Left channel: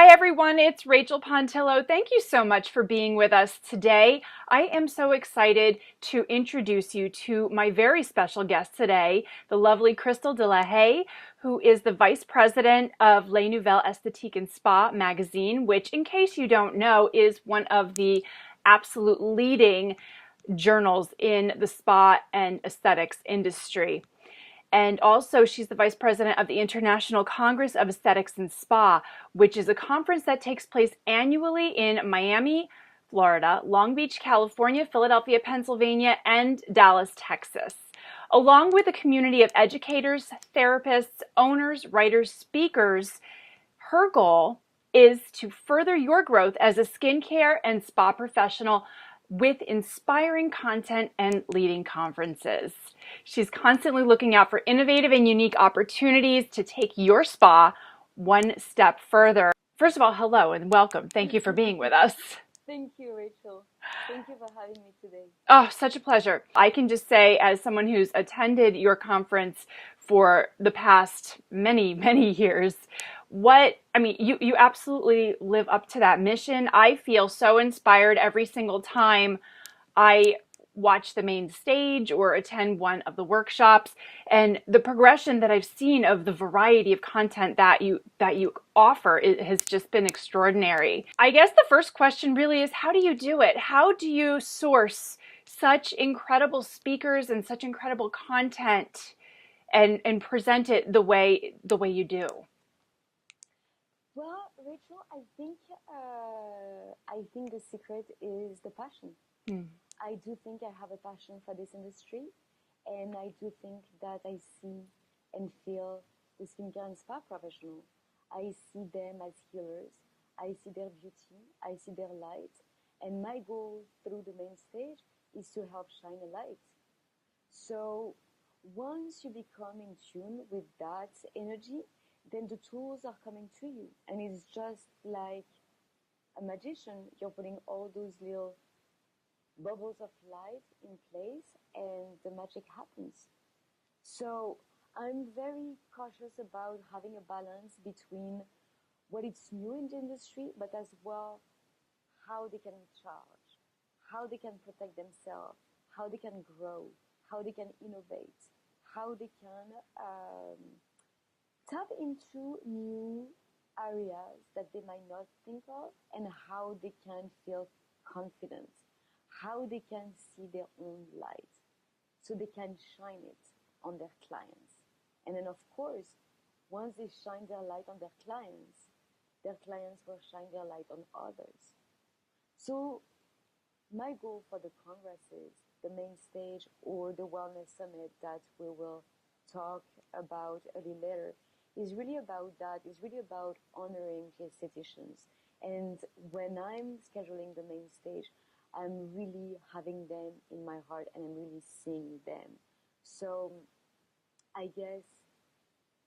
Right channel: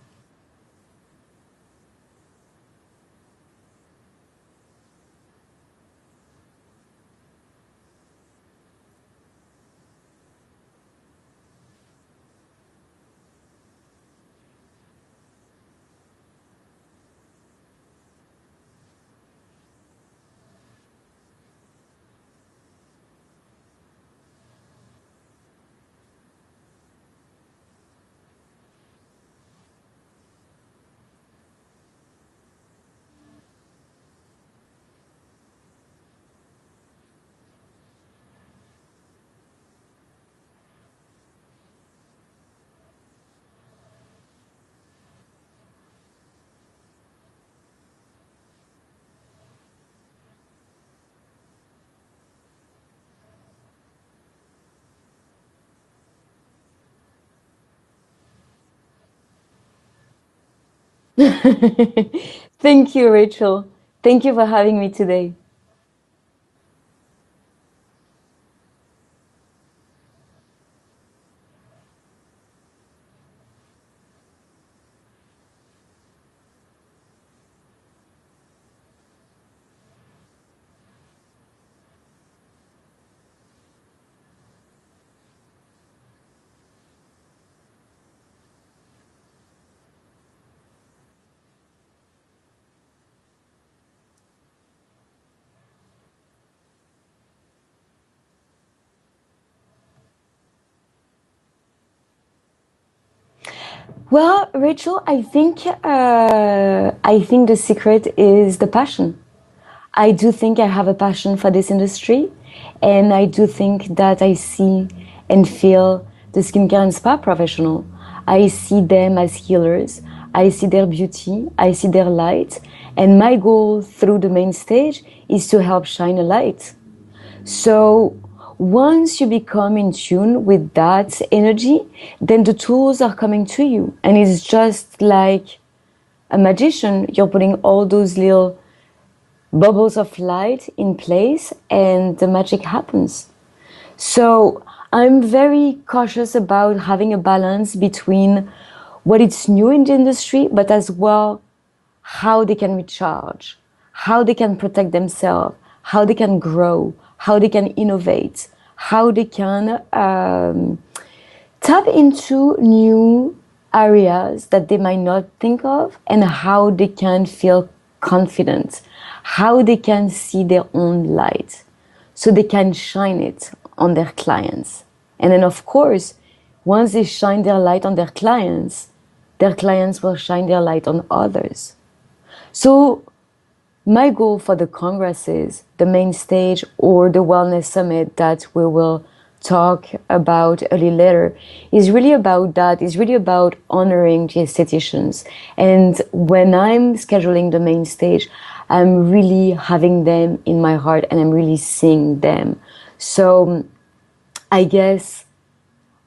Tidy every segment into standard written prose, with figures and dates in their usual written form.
Hi everyone, it's Rachael Pontillo. Thank you so much for being with us today. I am so excited to introduce you to my very special guest today, the lovely Christèle de la Haye, who is the Vice President of Les Nouvelles Esthétique and Spa magazine, which, in case you don't know, is one of the absolute leading journals in the spa and aesthetics industry. And also, she's the vice president of the International Congress of Aesthetics and Spa, which is a conference that takes place annually in Miami, Florida, Long Beach, California, Philadelphia, Pennsylvania, and Dallas, Texas. Along with a community of educators, therapists, owners, writers, speakers, her goal is to further your growth as a skincare and spa professional with inspiring content and leading conferences. She's constantly looking out for innovative and unique opportunities to take your spa one step further. First of all, hello and welcome. Thank you for being with us. Thank you, Rachel. Thank you for having me today. Oh, such a pleasure. I can just say, as someone who's attended your conference for the past many years, you absolutely live up to that mission. I feel so inspired every single time I watch the main stage or attend one of the workshops, and the progression that I've seen of the variety of content that you offer, it has just been extraordinary. I guess the first question really is, how do you do it? How do you source such incredible speakers and such incredible content and present it the way you do? Well, Rachel, I think the secret is the passion. I do think I have a passion for this industry, and I do think that I see and feel the skincare and spa professional. I see them as healers. I see their beauty. I see their light. And my goal through the main stage is to help shine a light. So once you become in tune with that energy, then the tools are coming to you. And it's just like a magician. You're putting all those little bubbles of light in place and the magic happens. So I'm very cautious about having a balance between what is new in the industry, but as well how they can recharge, how they can protect themselves, how they can grow, how they can innovate, how they can tap into new areas that they might not think of, and how they can feel confident, how they can see their own light so they can shine it on their clients. And then, of course, once they shine their light on their clients will shine their light on others. So my goal for the congresses, the main stage, or the wellness summit that we will talk about a little later, is really about that. It's really about honoring the aestheticians. And when I'm scheduling the main stage, I'm really having them in my heart and I'm really seeing them. So I guess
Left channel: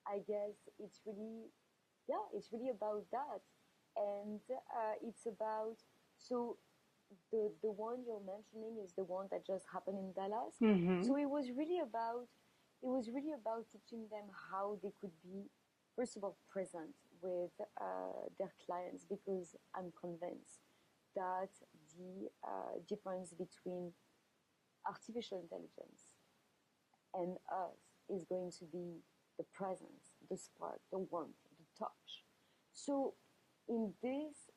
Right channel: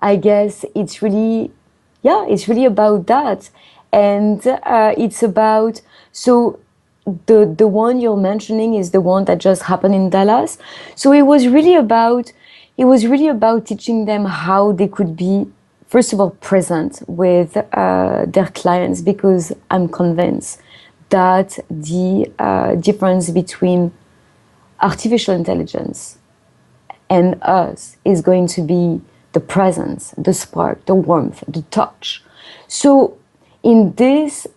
it's really, it's really about that. And it's about, so the one you're mentioning is the one that just happened in Dallas. Mm-hmm. So it was really about teaching them how they could be, first of all, present with their clients, because I'm convinced that the difference between artificial intelligence and us is going to be the presence, the spark, the warmth, the touch. So in this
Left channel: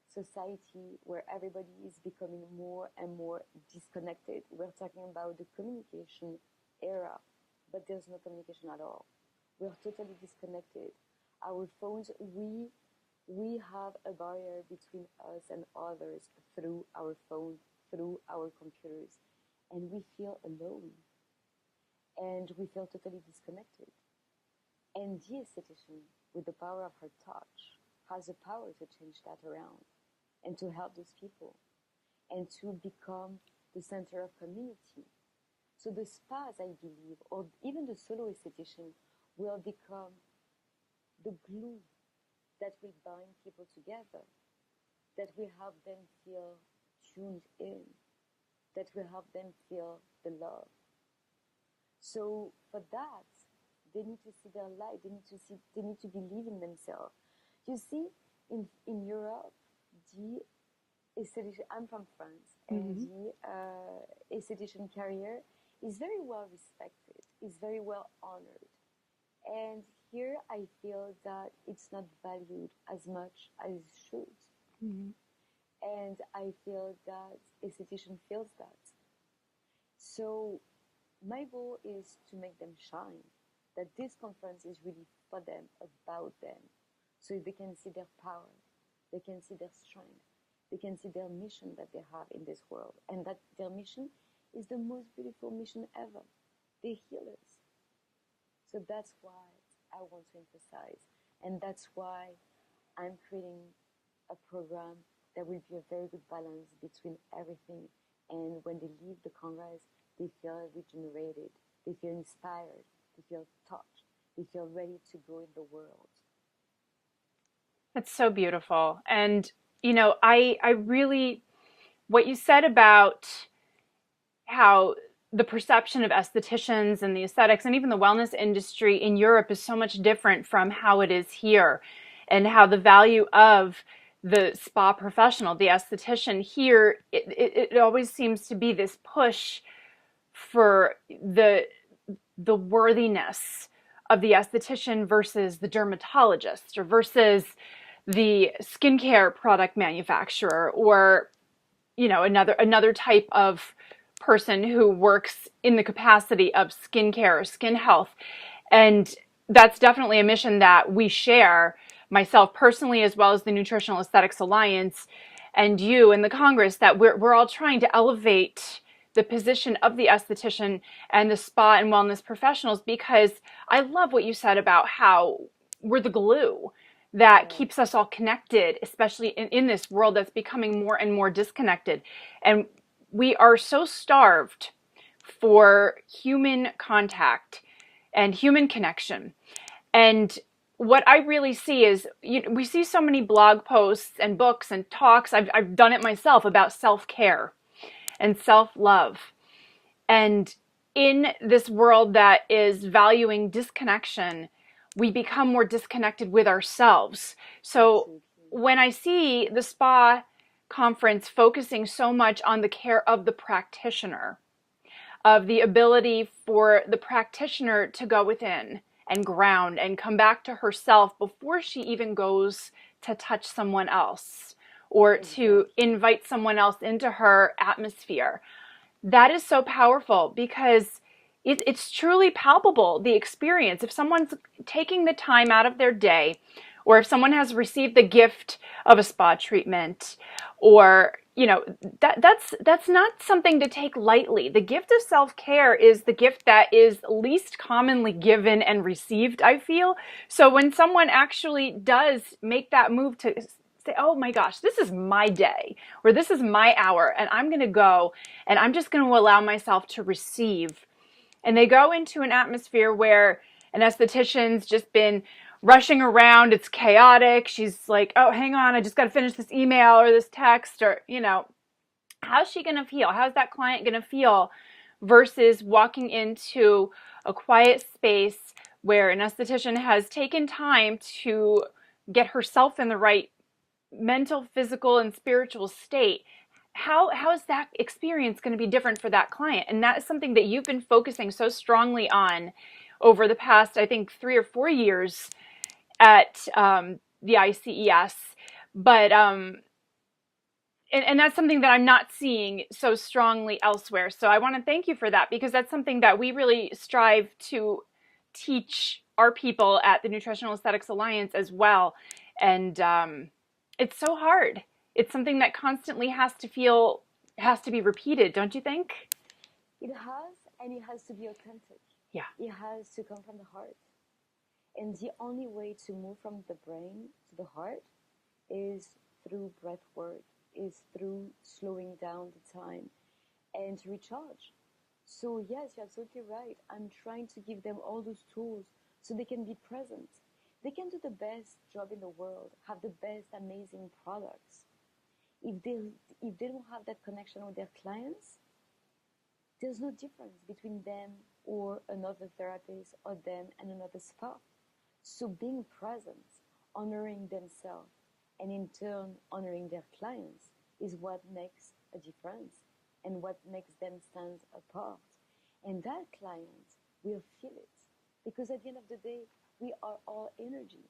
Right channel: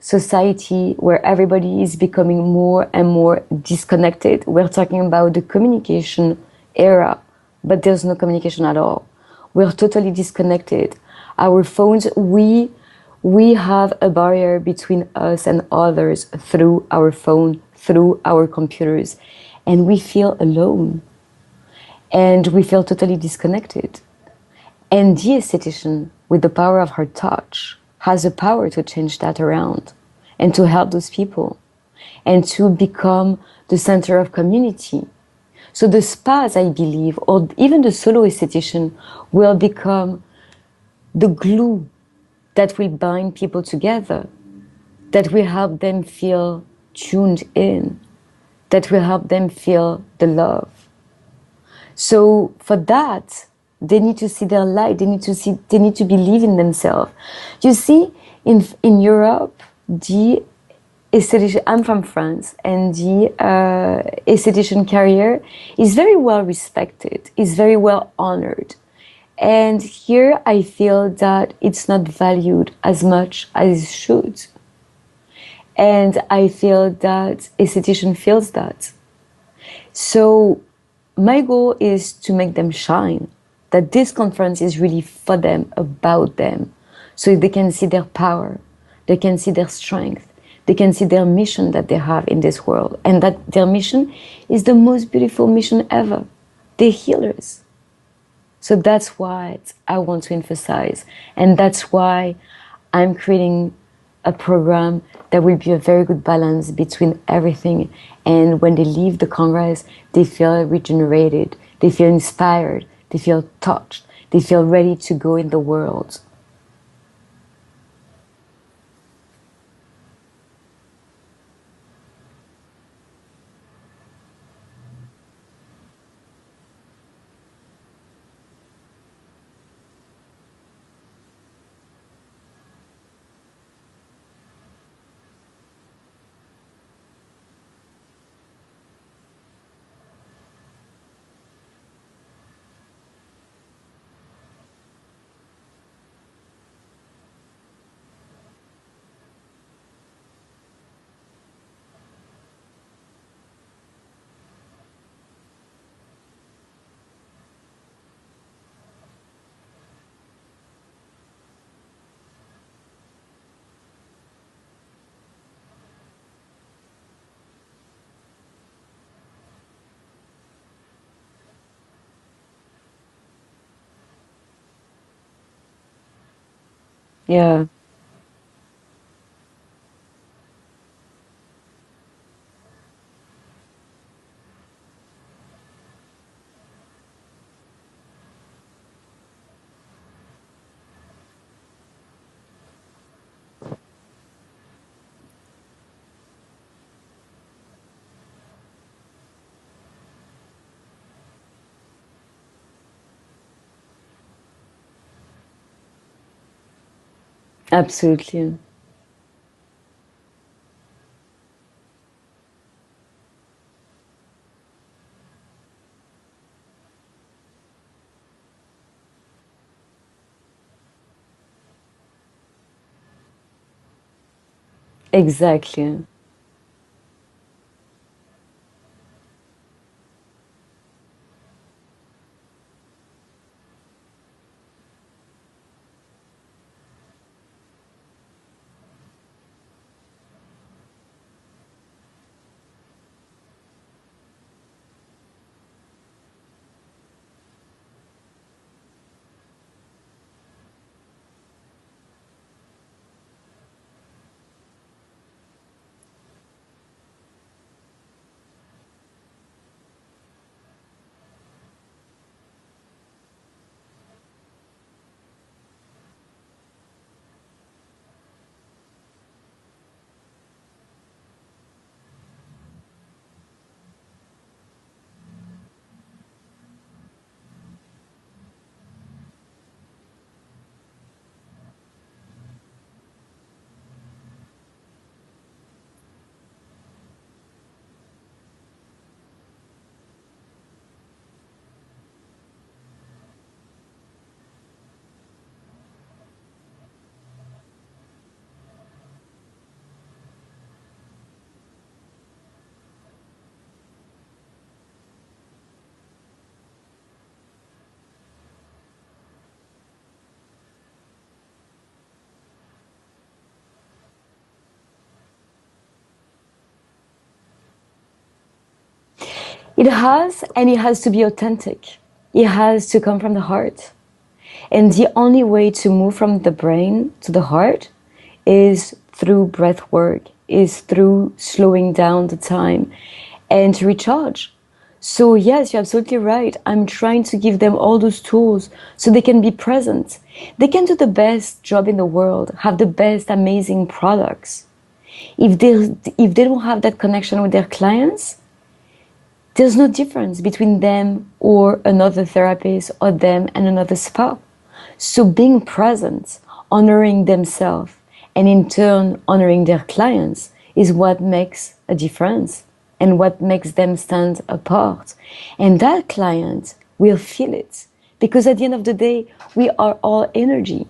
society where everybody is becoming more and more disconnected, we're talking about the communication era, but there's no communication at all. We're totally disconnected. Our phones, we have a barrier between us and others through our phone, through our computers, and we feel alone. And we feel totally disconnected. And the esthetician, with the power of her touch, has the power to change that around and to help those people and to become the center of community. So the spas, I believe, or even the solo esthetician, will become the glue that will bind people together, that will help them feel tuned in, that will help them feel the love. So for that, they need to see their light. They need to believe in themselves. You see, In Europe, the esthetician, I'm from France, and the esthetician career is very well respected, is very well honored. And here I feel that it's not valued as much as it should. And I feel that esthetician feels that. So my goal is to make them shine, that this conference is really for them, about them, so they can see their power, they can see their strength, they can see their mission that they have in this world, and that their mission is the most beautiful mission ever. They're healers. So that's what I want to emphasize, and that's why I'm creating a program that will be a very good balance between everything. And when they leave the Congress, they feel regenerated, they feel inspired, they feel touched, they feel ready to go in the world. That's so beautiful. And, I really, what you said about how the perception of estheticians and the aesthetics and even the wellness industry in Europe is so much different from how it is here, and how the value of the spa professional, the esthetician here, it always seems to be this push for the worthiness of the esthetician versus the dermatologist, or versus the skincare product manufacturer, or another type of person who works in the capacity of skincare or skin health. And that's definitely a mission that we share, myself personally, as well as the Nutritional Aesthetics Alliance, and you and the Congress, that we're all trying to elevate the position of the esthetician and the spa and wellness professionals, because I love what you said about how we're the glue that Yeah, keeps us all connected, especially in this world that's becoming more and more disconnected. And we are so starved for human contact and human connection. And what I really see is, we see so many blog posts and books and talks. I've done it myself, about self-care and self-love. And in this world that is valuing disconnection, we become more disconnected with ourselves. So absolutely. when I see the spa conference focusing so much on the care of the practitioner, of the ability for the practitioner to go within and ground and come back to herself before she even goes to touch someone else or to Exactly. invite someone else into her atmosphere. That is so powerful, because it's truly palpable, the experience. If someone's taking the time out of their day, or if someone has received the gift of a spa treatment, or that's not something to take lightly. The gift of self-care is the gift that is least commonly given and received, I feel. So when someone actually does make that move to say, oh my gosh, this is my day, or this is my hour, and I'm going to go and I'm just going to allow myself to receive, and they go into an atmosphere where an esthetician's just been rushing around, it's chaotic, she's like, oh, hang on, I just got to finish this email or this text, or how's she going to feel, how's that client going to feel, versus walking into a quiet space where an esthetician has taken time to get herself in the right mental, physical, and spiritual state. How is that experience going to be different for that client? And that is something that you've been focusing so strongly on over the past, I think, 3 or 4 years at the ICES. But and that's something that I'm not seeing so strongly elsewhere. So I want to thank you for that, because that's something that we really strive to teach our people at the Nutritional Aesthetics Alliance as well. And it's so hard. It's something that constantly has to be repeated, don't you think? It has, and it has to be authentic. Yeah. It has to come from the heart. And the only way to move from the brain to the heart is through breath work, is through slowing down the time and to recharge. So yes, you're absolutely right. I'm trying to give them all those tools so they can be present. They can do the best job in the world, have the best amazing products. If they don't have that connection with their clients, there's no difference between them or another therapist, or them and another spa. So being present, honoring themselves, and in turn honoring their clients is what makes a difference and what makes them stand apart. And that client will feel it because at the end of the day, we are all energy.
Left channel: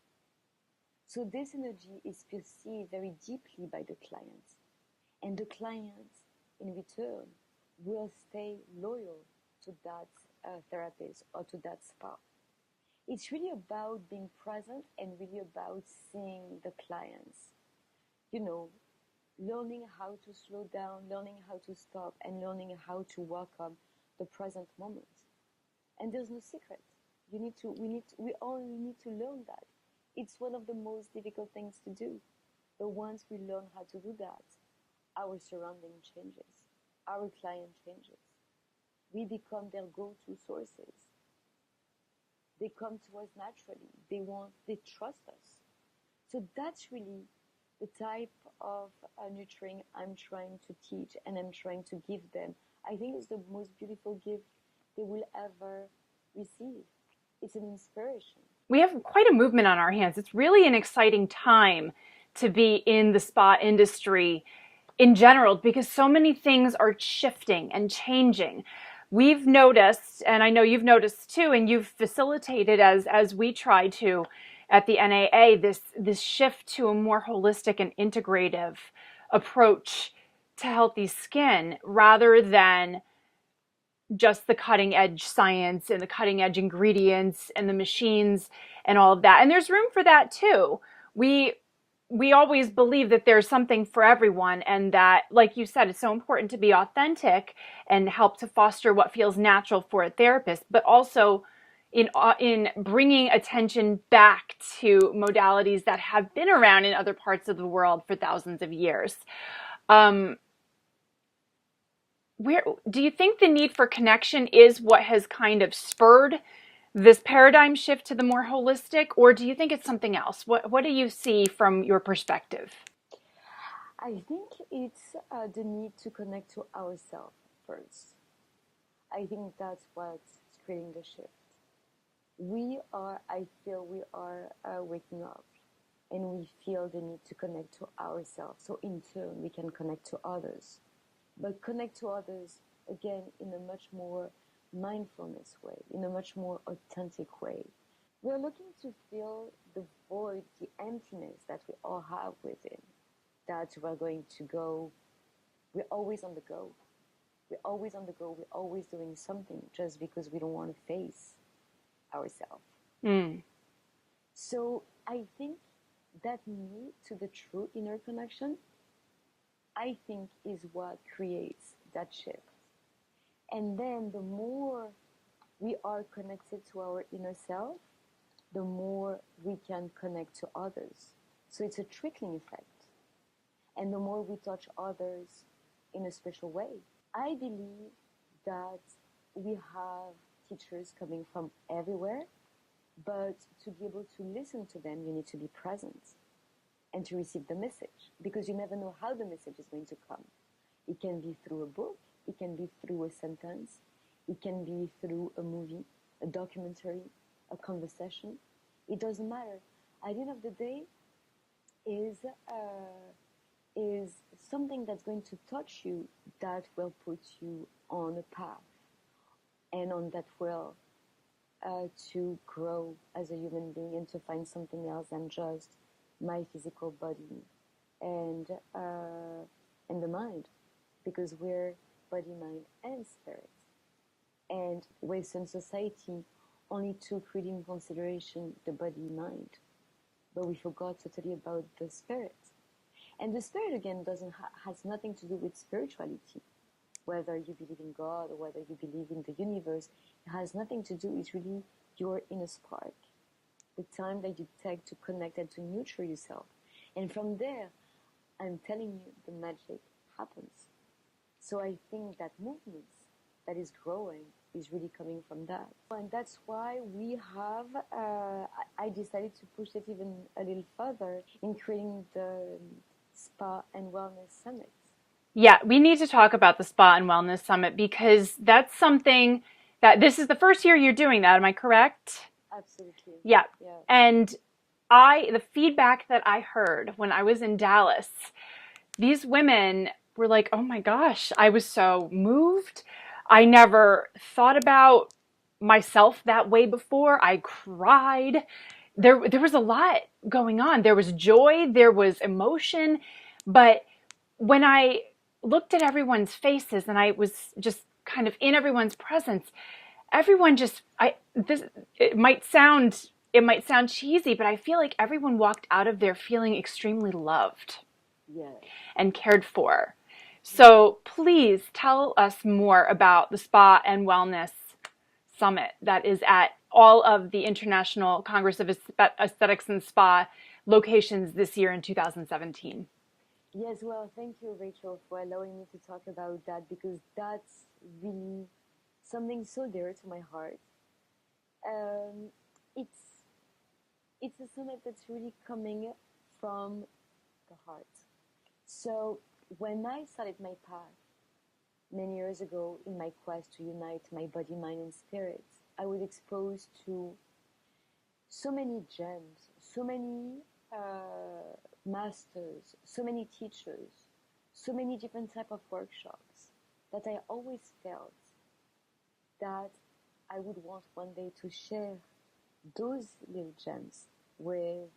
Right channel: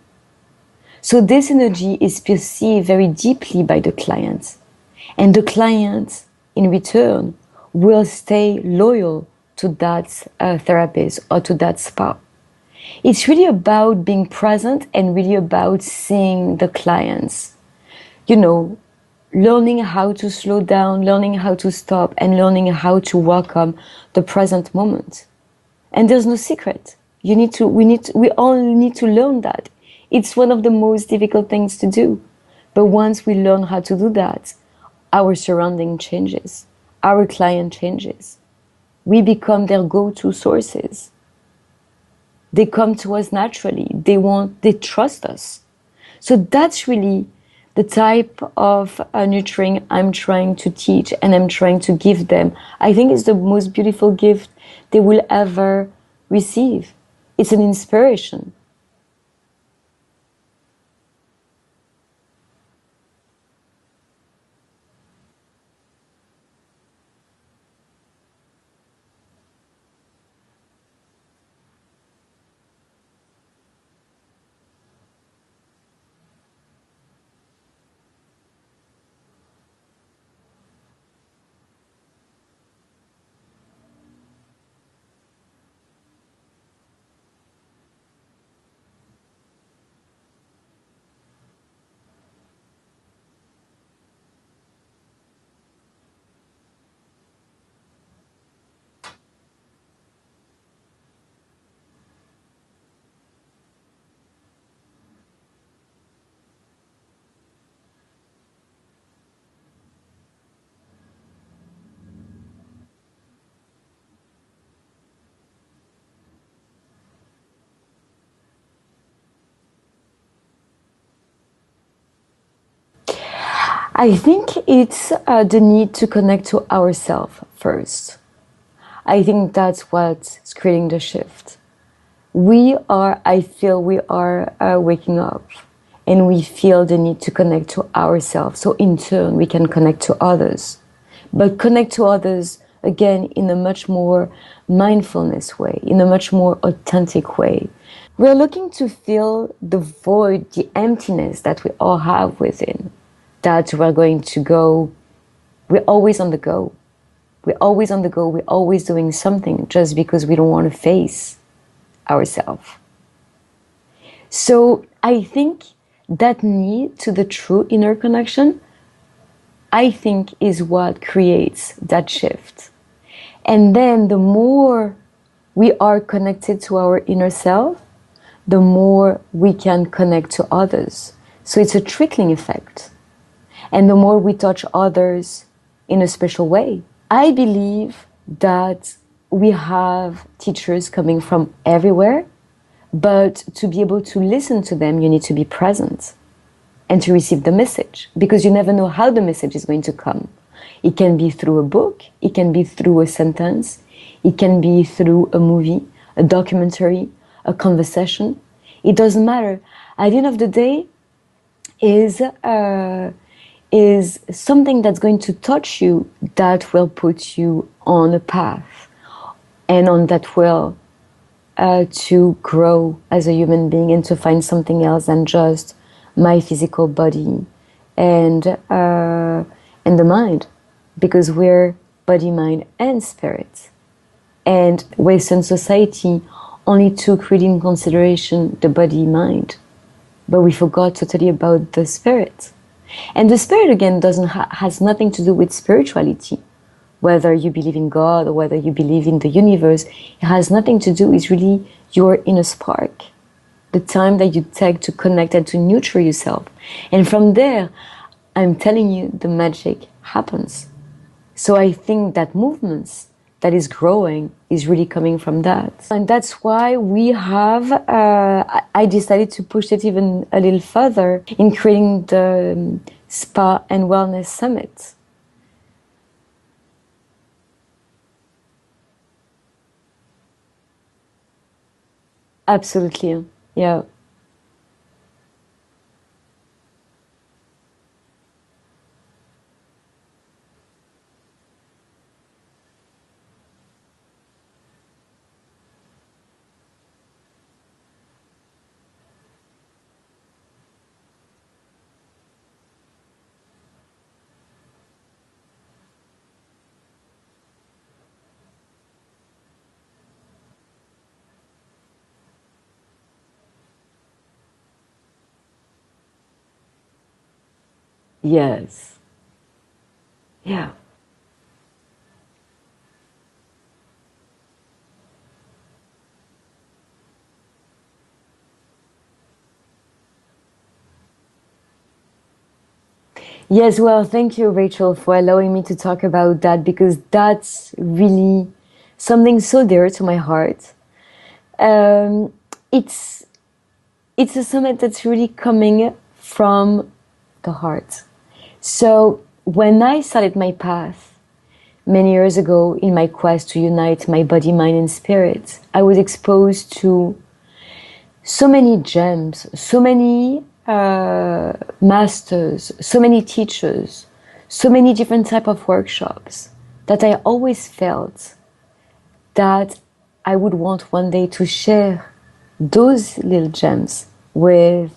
So this energy is perceived very deeply by the client. And the client, in return, will stay loyal to that therapist or to that spa. It's really about being present and really about seeing the clients. You know, learning how to slow down, learning how to stop, and learning how to welcome the present moment. And there's no secret. We all need to learn that. It's one of the most difficult things to do. But once we learn how to do that, our surrounding changes, our client changes. We become their go-to sources. They come to us naturally. They trust us. So that's really the type of nurturing I'm trying to teach and I'm trying to give them. I think it's the most beautiful gift they will ever receive. It's an inspiration. We have quite a movement on our hands. It's really an exciting time to be in the spa industry in general because so many things are shifting and changing. We've noticed, and I know you've noticed too, and you've facilitated as we try to at the NAA, this shift to a more holistic and integrative approach to healthy skin rather than just the cutting edge science and the cutting edge ingredients and the machines and all of that. And there's room for that too. We always believe that there's something for everyone and that, like you said, it's so important to be authentic and help to foster what feels natural for a therapist, but also in bringing attention back to modalities that have been around in other parts of the world for thousands of years. Where do you think the need for connection is what has kind of spurred this paradigm shift to the more holistic, or do you think it's something else? What do you see from your perspective? I think it's the need to connect to ourselves first. I think that's what's creating the shift. I feel we are waking up and we feel the need to connect to ourselves. So in turn, we can connect to others. But connect to others, again, in a much more mindfulness way, in a much more authentic way. We're looking to fill the void, the emptiness that we all have within, that we're going to go, we're always on the go. We're always on the go, we're always doing something just because we don't want to face ourselves. So I think that need to the true inner connection, I think, is what creates that shift. And then the more we are connected to our inner self, the more we can connect to others. So it's a trickling effect. And the more we touch others in a special way. I believe that we have teachers coming from everywhere, but to be able to listen to them, you need to be present and to receive the message, because you never know how the message is going to come. It can be through a book, it can be through a sentence, it can be through a movie, a documentary, a conversation. It doesn't matter. At the end of the day, is something that's going to touch you that will put you on a path and on that will to grow as a human being and to find something else than just my physical body and the mind, because we're body, mind, and spirit. And Western society only took really in consideration the body, mind, but we forgot totally about the spirit. And the spirit, again, has nothing to do with spirituality. Whether you believe in God or whether you believe in the universe, it has nothing to do. It's really your inner spark, the time that you take to connect and to nurture yourself. And from there, I'm telling you, the magic happens. So I think that movements that is growing is really coming from that. And that's why we have, I decided to push it even a little further in creating the Spa and Wellness Summit. Yeah, we need to talk about the Spa and Wellness Summit because that's something that this is the first year you're doing that. Am I correct? Absolutely. Yeah. Yeah. And the feedback that I heard when I was in Dallas, these women were like, oh my gosh, I was so moved. I never thought about myself that way before. I cried. There was a lot going on. There was joy, there was emotion, but when I looked at everyone's faces and I was just kind of in everyone's presence, everyone just I this it might sound cheesy, but I feel like everyone walked out of there feeling extremely loved Yes. and cared for. Yeah. So please tell us more about the Spa and Wellness Summit that is at all of the International Congress of Aesthetics and Spa locations this year in 2017. Yes, well, thank you, Rachel, for allowing me to talk about that because that's really something so dear to my heart. Um, it's it's a summit that's really coming from the heart. So when I started my path many years ago in my quest to unite my body, mind, and spirit, I was exposed to so many gems, so many masters, so many teachers, so many different type of workshops that I always felt that I would want one day to share those little gems with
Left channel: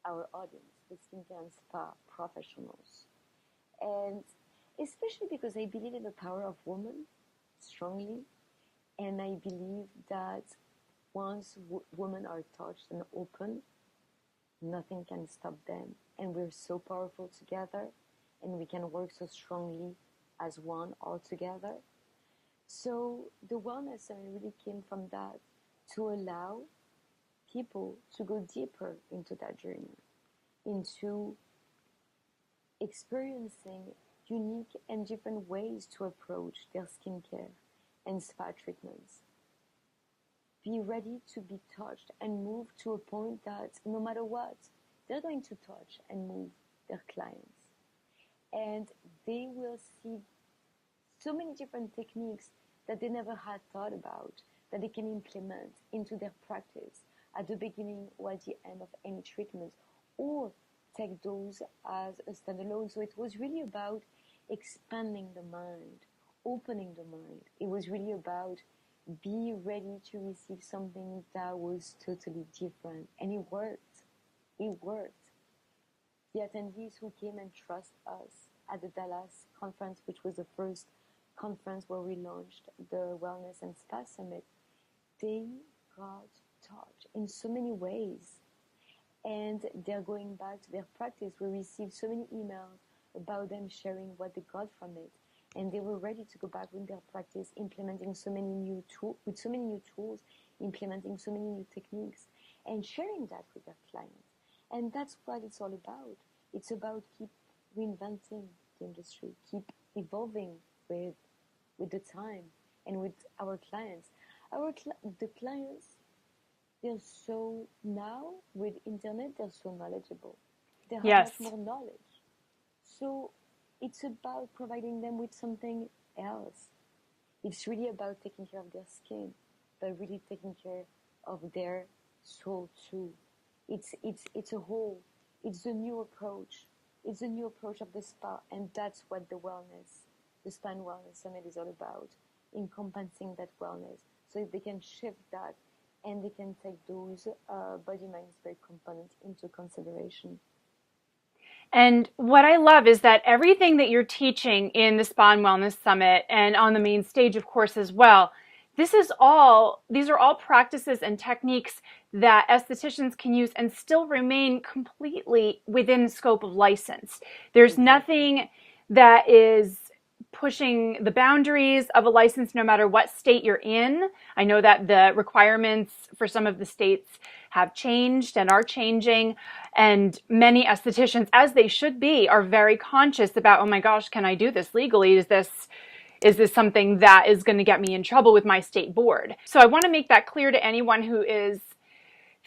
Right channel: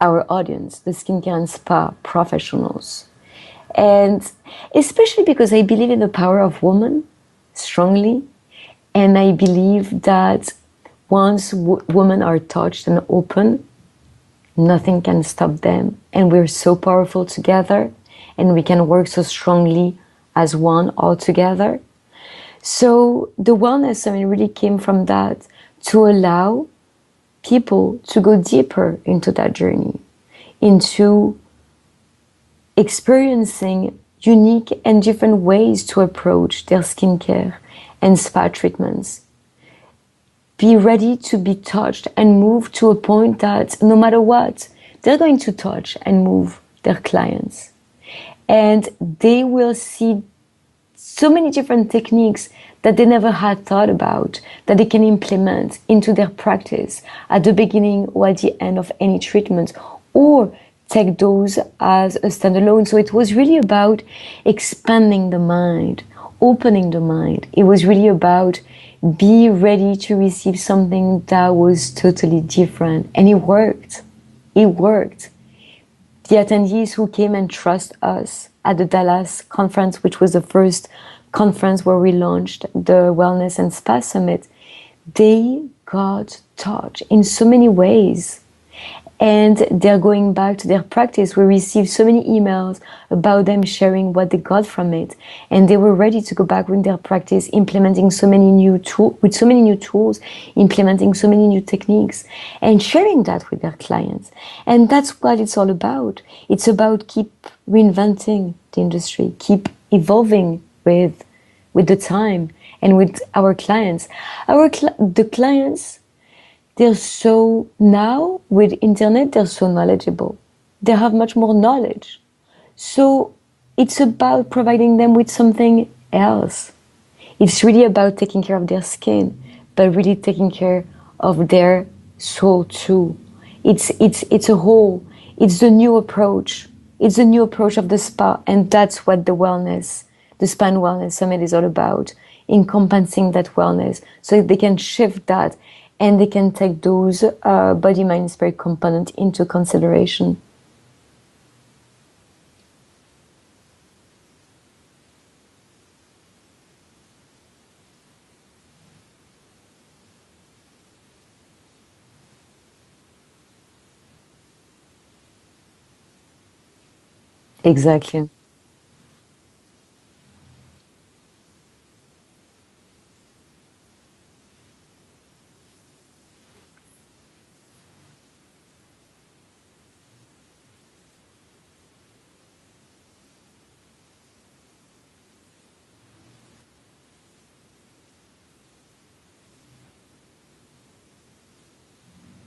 our audience, the skincare and spa professionals. And especially because I believe in the power of woman strongly. And I believe that once women are touched and open, nothing can stop them. And we're so powerful together and we can work so strongly as one all together. So the wellness summit really came from that to allow people to go deeper into that journey, into experiencing unique and different ways to approach their skincare and spa treatments. Be ready to be touched and moved to a point that no matter what, they're going to touch and move their clients. And they will see so many different techniques that they never had thought about that they can implement into their practice at the beginning or at the end of any treatment, or take those as a standalone. So it was really about expanding the mind, opening the mind. It was really about be ready to receive something that was totally different. And it worked. It worked. The attendees who came and trust us at the Dallas conference, which was the first conference where we launched the Wellness and Spa Summit, they got touched in so many ways. And they're going back to their practice. We received so many emails about them sharing what they got from it. And they were ready to go back with their practice, implementing so many new tools, implementing so many new techniques, and sharing that with their clients. And that's what it's all about. It's about keep reinventing the industry, keep evolving with the time and with our clients. The clients, they're so, now with internet, they're so knowledgeable. They have Yes. much more knowledge. So it's about providing them with something else. It's really about taking care of their skin, but really taking care of their soul too. It's a whole, it's the new approach. It's the new approach of the spa, and that's what the Spa and Wellness Summit is all about, encompassing that wellness so they can shift that and they can take those body, mind, spirit component into consideration. And what I love is that everything that you're teaching in the Spa and Wellness Summit and on the main stage, of course, as well, these are all practices and techniques that estheticians can use and still remain completely within the scope of license. There's Exactly. nothing that is pushing the boundaries of a license no matter what state you're in. I know that the requirements for some of the states have changed and are changing, and many estheticians, as they should be, are very conscious about, oh my gosh, can I do this legally? Is this something that is going to get me in trouble with my state board? So I want to make that clear to anyone who is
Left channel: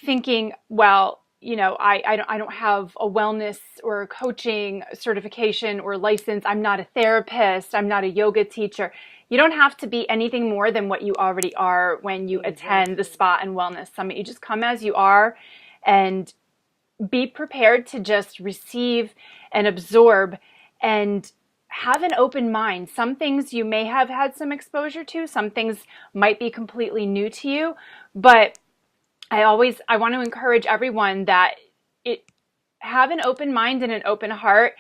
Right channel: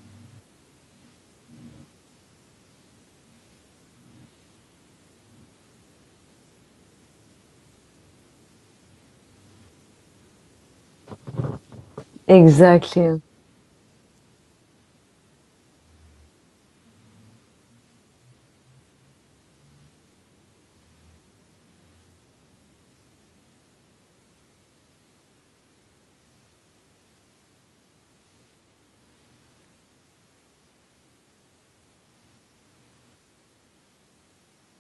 thinking, well, I don't have a wellness or a coaching certification or license. I'm not a therapist. I'm not a yoga teacher. You don't have to be anything more than what you already are when you attend the Exactly. Spa and Wellness Summit. You just come as you are, and be prepared to just receive and absorb and have an open mind. Some things you may have had some exposure to, some things might be completely new to you, but I want to encourage everyone that it have an open mind and an open heart,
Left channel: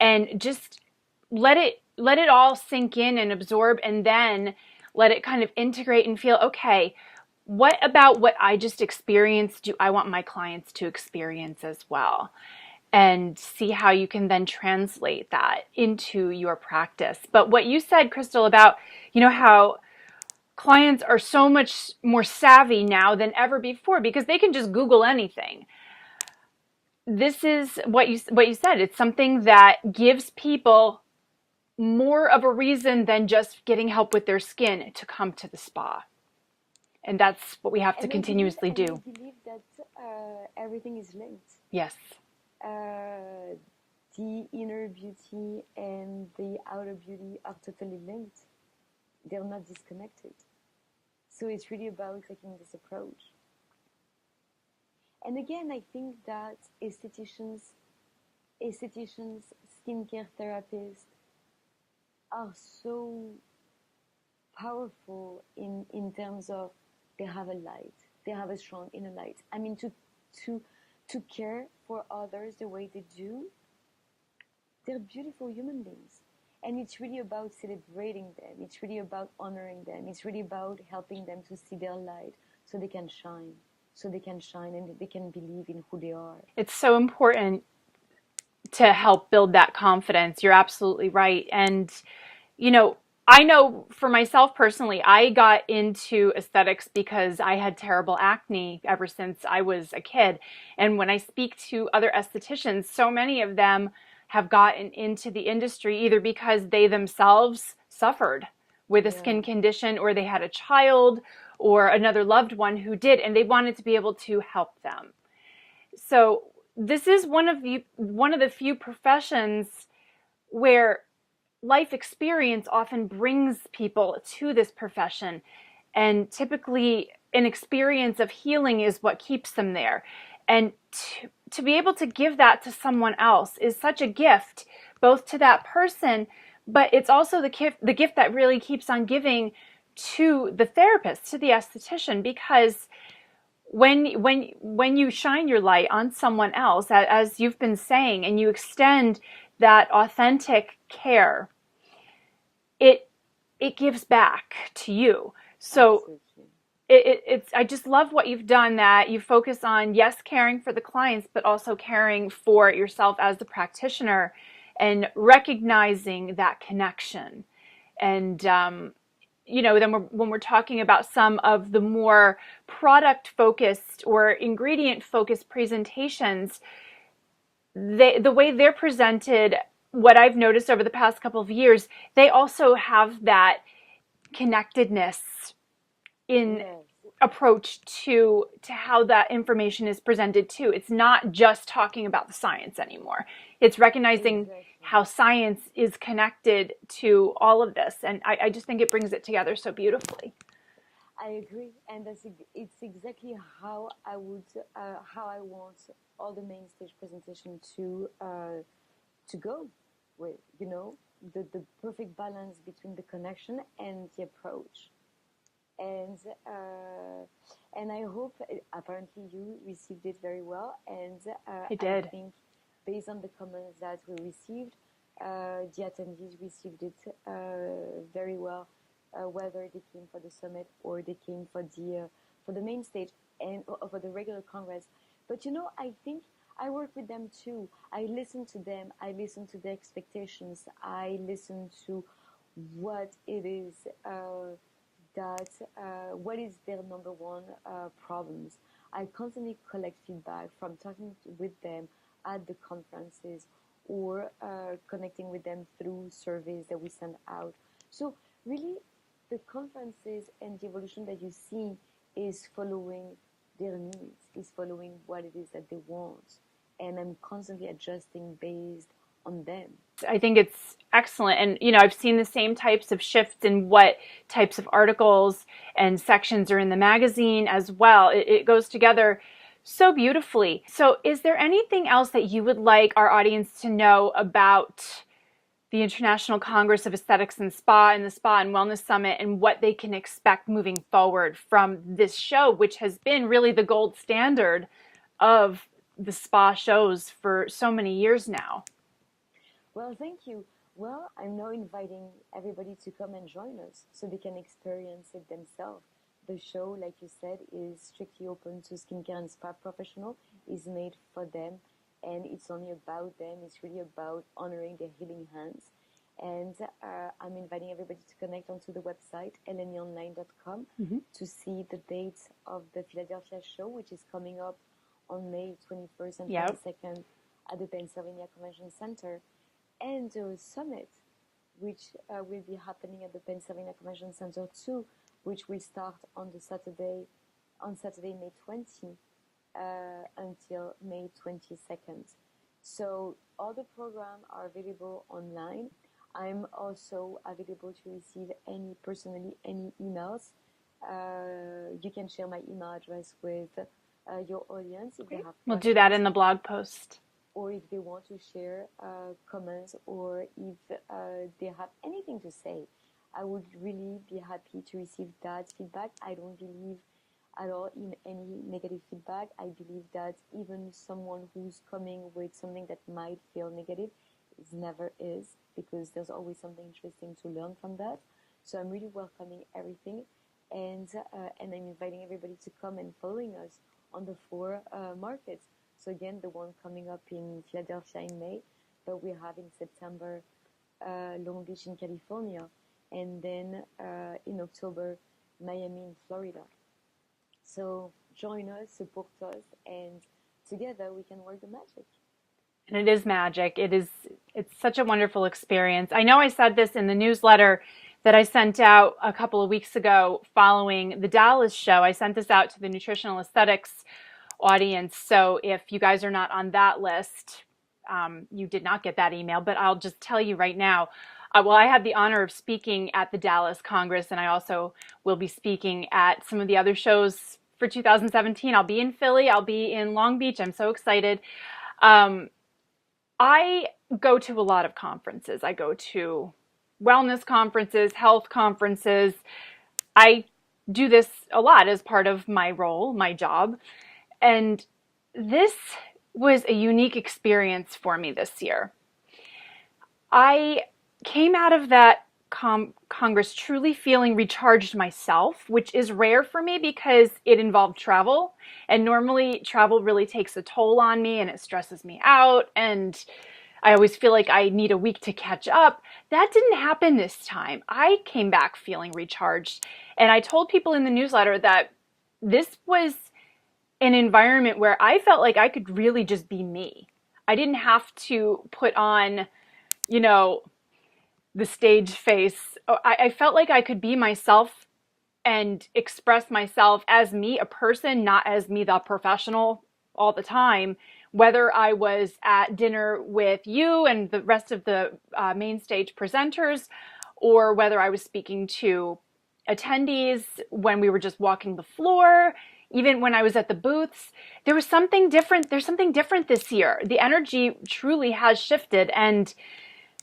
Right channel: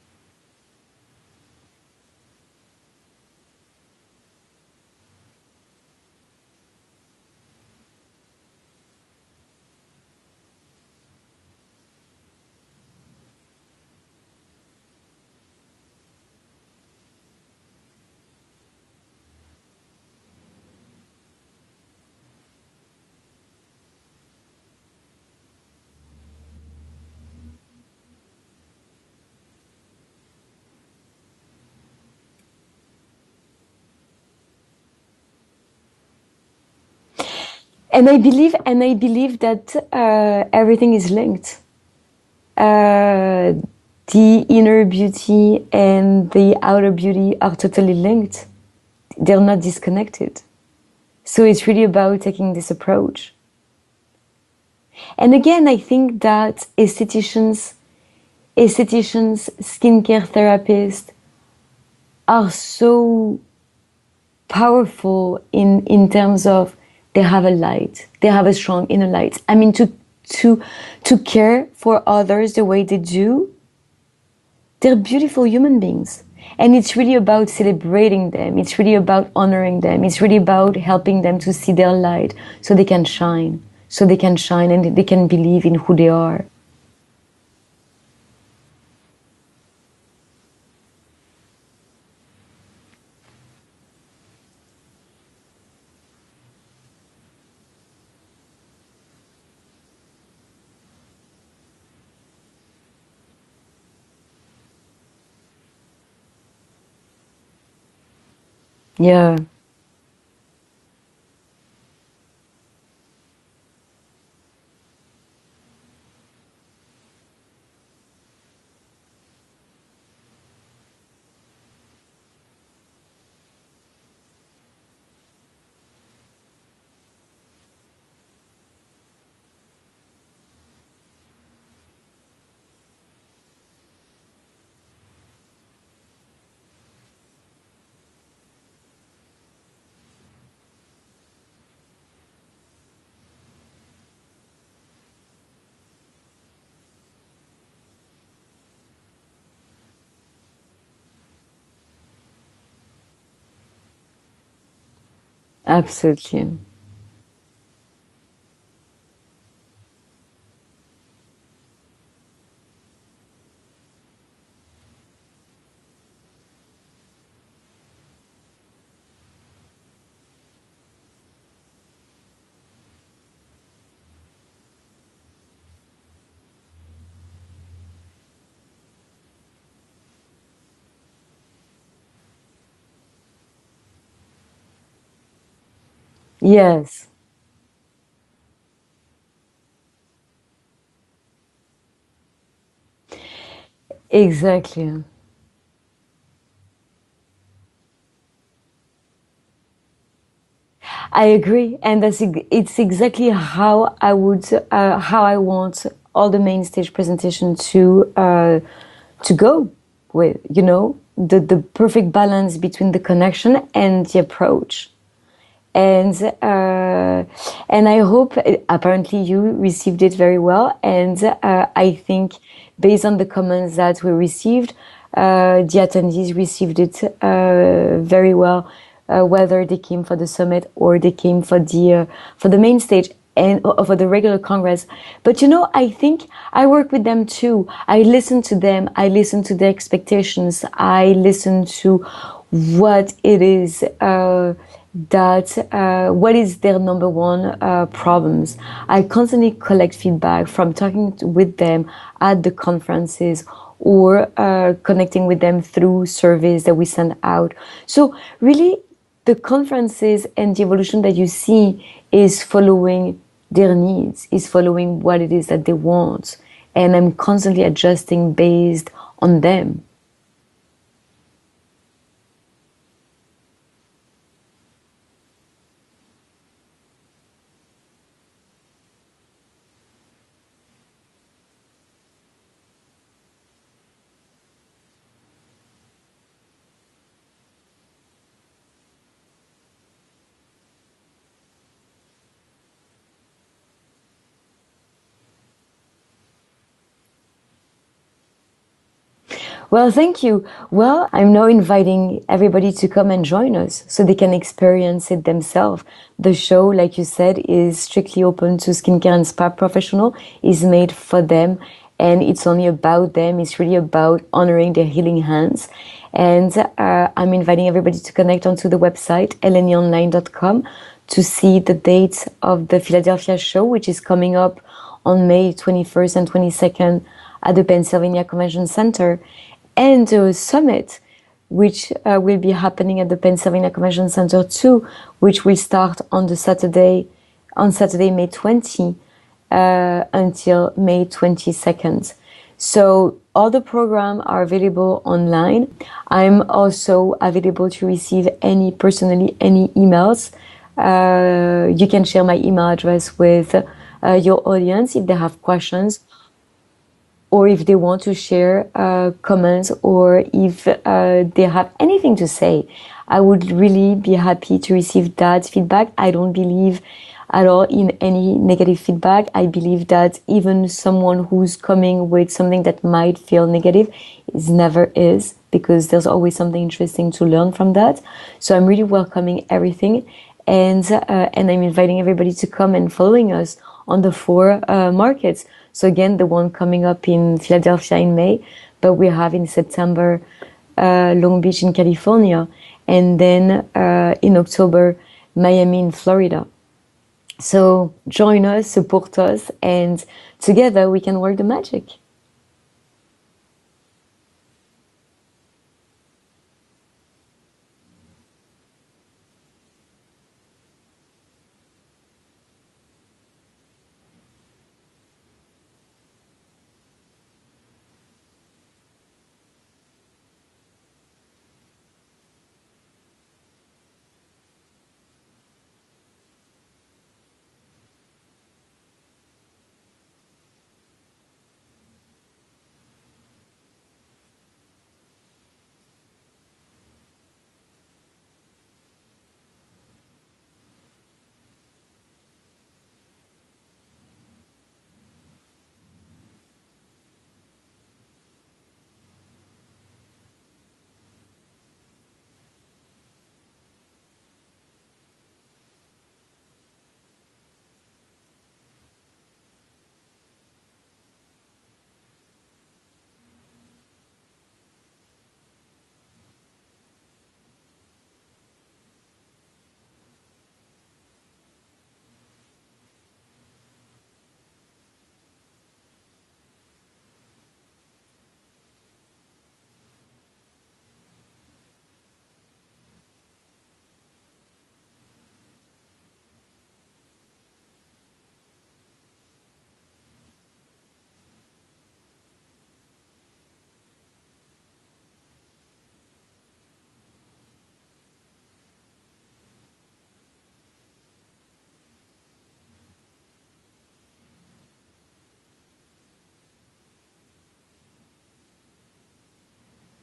and just let it all sink in and absorb, and then let it kind of integrate and feel, okay, what about what I just experienced do I want my clients to experience as well? And see how you can then translate that into your practice. But what you said, Christèle, about, how clients are so much more savvy now than ever before because they can just Google anything. This is what you said. It's something that gives people more of a reason than just getting help with their skin to come to the spa. And that's what we have to continuously do. I believe that everything is linked. Yes. The inner beauty and the outer beauty are totally linked. They're not disconnected. So it's really about taking this approach. And again, I think that aestheticians, skincare therapists are so powerful in terms of they have a light, they have a strong inner light. I mean, to care for others the way they do, they're beautiful human beings. And it's really about celebrating them. It's really about honoring them. It's really about helping them to see their light so they can shine. So they can shine and they can believe in who they are. It's so important to help build that confidence. You're absolutely right. And, I know for myself personally, I got into aesthetics because I had terrible acne ever since I was a kid. And when I speak to other estheticians, so many of them have gotten into the industry either because they themselves suffered with a skin condition, or they had a child or another loved one who did, and they wanted to be able to help them. So this is one of the few professions where life experience often brings people to this profession, and typically an experience of healing is what keeps them there. And to be able to give that to someone else is such a gift, both to that person, but it's also the gift that really keeps on giving to the therapist, to the esthetician, because when you shine your light on someone else, as you've been saying, and you extend that authentic care, it gives back to you. So absolutely. It's I just love what you've done, that you focus on, yes, caring for the clients, but also caring for yourself as the practitioner and recognizing that connection. And then when we're talking about some of the more product focused or ingredient focused presentations, the way they're presented, what I've noticed over the past couple of years, they also have that connectedness in approach to how that information is presented too. It's not just talking about the science anymore. It's recognizing how science is connected to all of this. And I just think it brings it together so beautifully. I agree. And it's exactly how I want all the main stage presentation to go with, the perfect balance between the connection and the approach. And I hope, apparently you received it very well. And I think based on the comments that we received, the attendees received it very well, whether they came for the summit or they came for the main stage and for the regular Congress. But I think I work with them too. I listen to them. I listen to their expectations. I listen to what it is what is their number one problems. I constantly collect feedback from talking with them at the conferences or connecting with them through surveys that we send out. So really, the conferences and the evolution that you see is following their needs, is following what it is that they want. And I'm constantly adjusting based on them. I think it's excellent. And, I've seen the same types of shifts in what types of articles and sections are in the magazine as well. It goes together so beautifully. So is there anything else that you would like our audience to know about the International Congress of Aesthetics and Spa and the Spa and Wellness Summit, and what they can expect moving forward from this show, which has been really the gold standard of the spa shows for so many years now? Well, thank you. Well, I'm now inviting everybody to come and join us so they can experience it themselves. The show, like you said, is strictly open to skincare and spa professional, is made for them, and it's only about them. It's really about honoring their healing hands. And I'm inviting everybody to connect onto the website, lneonline.com, to see the dates of the Philadelphia show, which is coming up on May 21st and 22nd at the Pennsylvania Convention Center, and the summit, which will be happening at the Pennsylvania Convention Center too, which will start on Saturday, May 20, until May 22nd. So all the programs are available online. I'm also available to receive any emails. You can share my email address with your audience if they have questions. We'll do that in the blog post. Or if they want to share comments, or if they have anything to say. I would really be happy to receive that feedback. I don't believe at all in any negative feedback. I believe that even someone who's coming with something that might feel negative never is, because there's always something interesting to learn from that. So I'm really welcoming everything, and I'm inviting everybody to come and following us on the 4 markets. So again, the one coming up in Philadelphia in May, but we have in September Long Beach in California, and then in October Miami in Florida. So join us, support us, and together we can work the magic. And it is magic. It's such a wonderful experience. I know I said this in the newsletter that I sent out a couple of weeks ago following the Dallas show. I sent this out to the Nutritional Aesthetics audience. So if you guys are not on that list, you did not get that email, but I'll just tell you right now. I had the honor of speaking at the Dallas Congress, and I also will be speaking at some of the other shows for 2017. I'll be in Philly. I'll be in Long Beach. I'm so excited. I go to a lot of conferences. I go to wellness conferences, health conferences. I do this a lot as part of my role, my job. And this was a unique experience for me this year. I came out of that Congress truly feeling recharged myself, which is rare for me because it involved travel. And normally travel really takes a toll on me and it stresses me out. And I always feel like I need a week to catch up. That didn't happen this time. I came back feeling recharged. And I told people in the newsletter that this was an environment where I felt like I could really just be me. I didn't have to put on, the stage face. I felt like I could be myself and express myself as me, a person, not as me, the professional, all the time. Whether I was at dinner with you and the rest of the main stage presenters, or whether I was speaking to attendees when we were just walking the floor, even when I was at the booths, there was something different. There's something different this year. The energy truly has shifted. And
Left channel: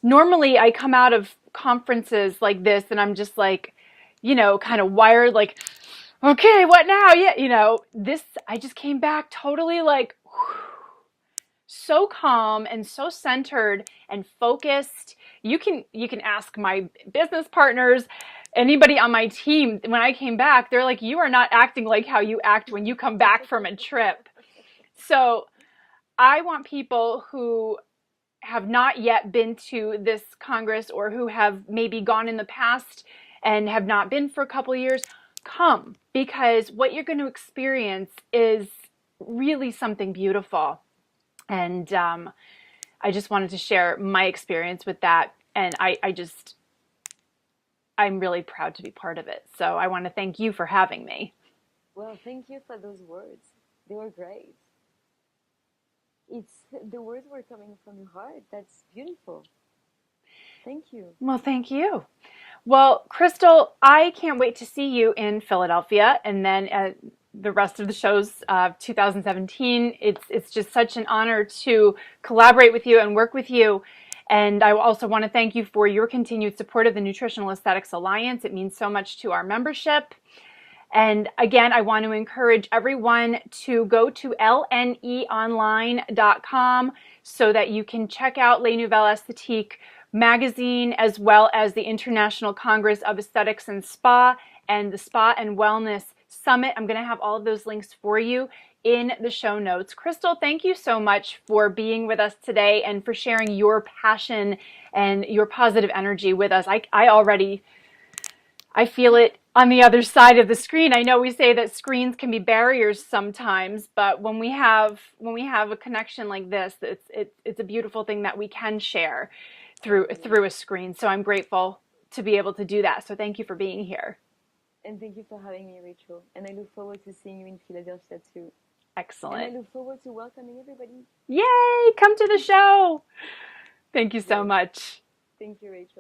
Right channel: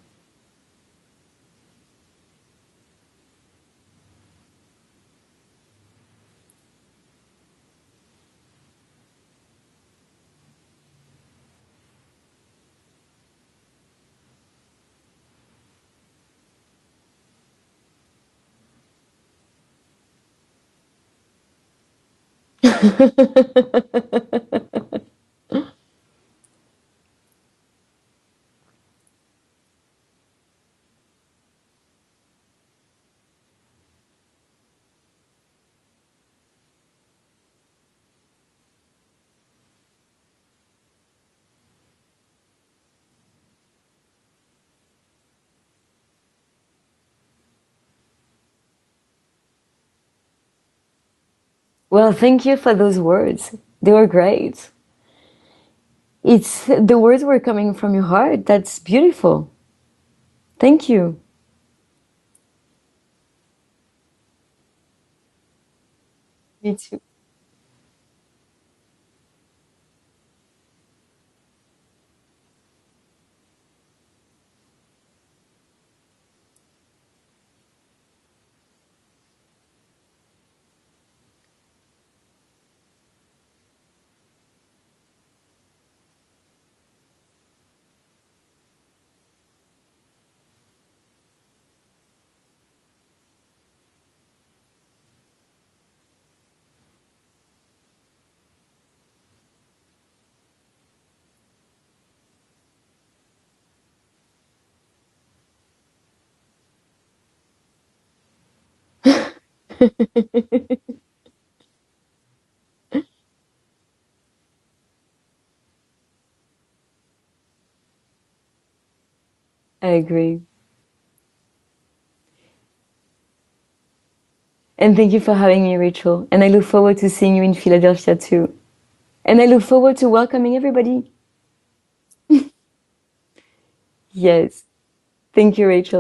normally I come out of conferences like this and I'm just like, kind of wired, like, okay, what now? Yeah, this, I just came back totally like, so calm and so centered and focused. You can ask my business partners, anybody on my team. When I came back, they're like, you are not acting like how you act when you come back from a trip. So I want people who have not yet been to this Congress, or who have maybe gone in the past and have not been for a couple of years, come, because what you're going to experience is really something beautiful. And I just wanted to share my experience with that. And I'm really proud to be part of it. So I want to thank you for having me. Well, thank you for those words. They were great. The words were coming from your heart. That's beautiful. Thank you. Well, thank you. Well, Christèle, I can't wait to see you in Philadelphia, and then the rest of the shows of 2017. It's just such an honor to collaborate with you and work with you. And I also want to thank you for your continued support of the Nutritional Aesthetics Alliance. It means so much to our membership. And again, I want to encourage everyone to go to lneonline.com so that you can check out Les Nouvelles Esthétiques magazine, as well as the International Congress of Aesthetics and Spa and the Spa and Wellness Summit. I'm going to have all of those links for you in the show notes. Christèle, thank you so much for being with us today and for sharing your passion and your positive energy with us. I feel it on the other side of the screen. I know we say that screens can be barriers sometimes, but when we have a connection like this, it's a beautiful thing that we can share through a screen. So I'm grateful to be able to do that. So thank you for being here. And thank you for having me, Rachel. And I look forward to seeing you in Philadelphia too. Excellent. And I look forward to welcoming everybody. Yay! Come to the show. Thank you so much. Thank you, Rachel.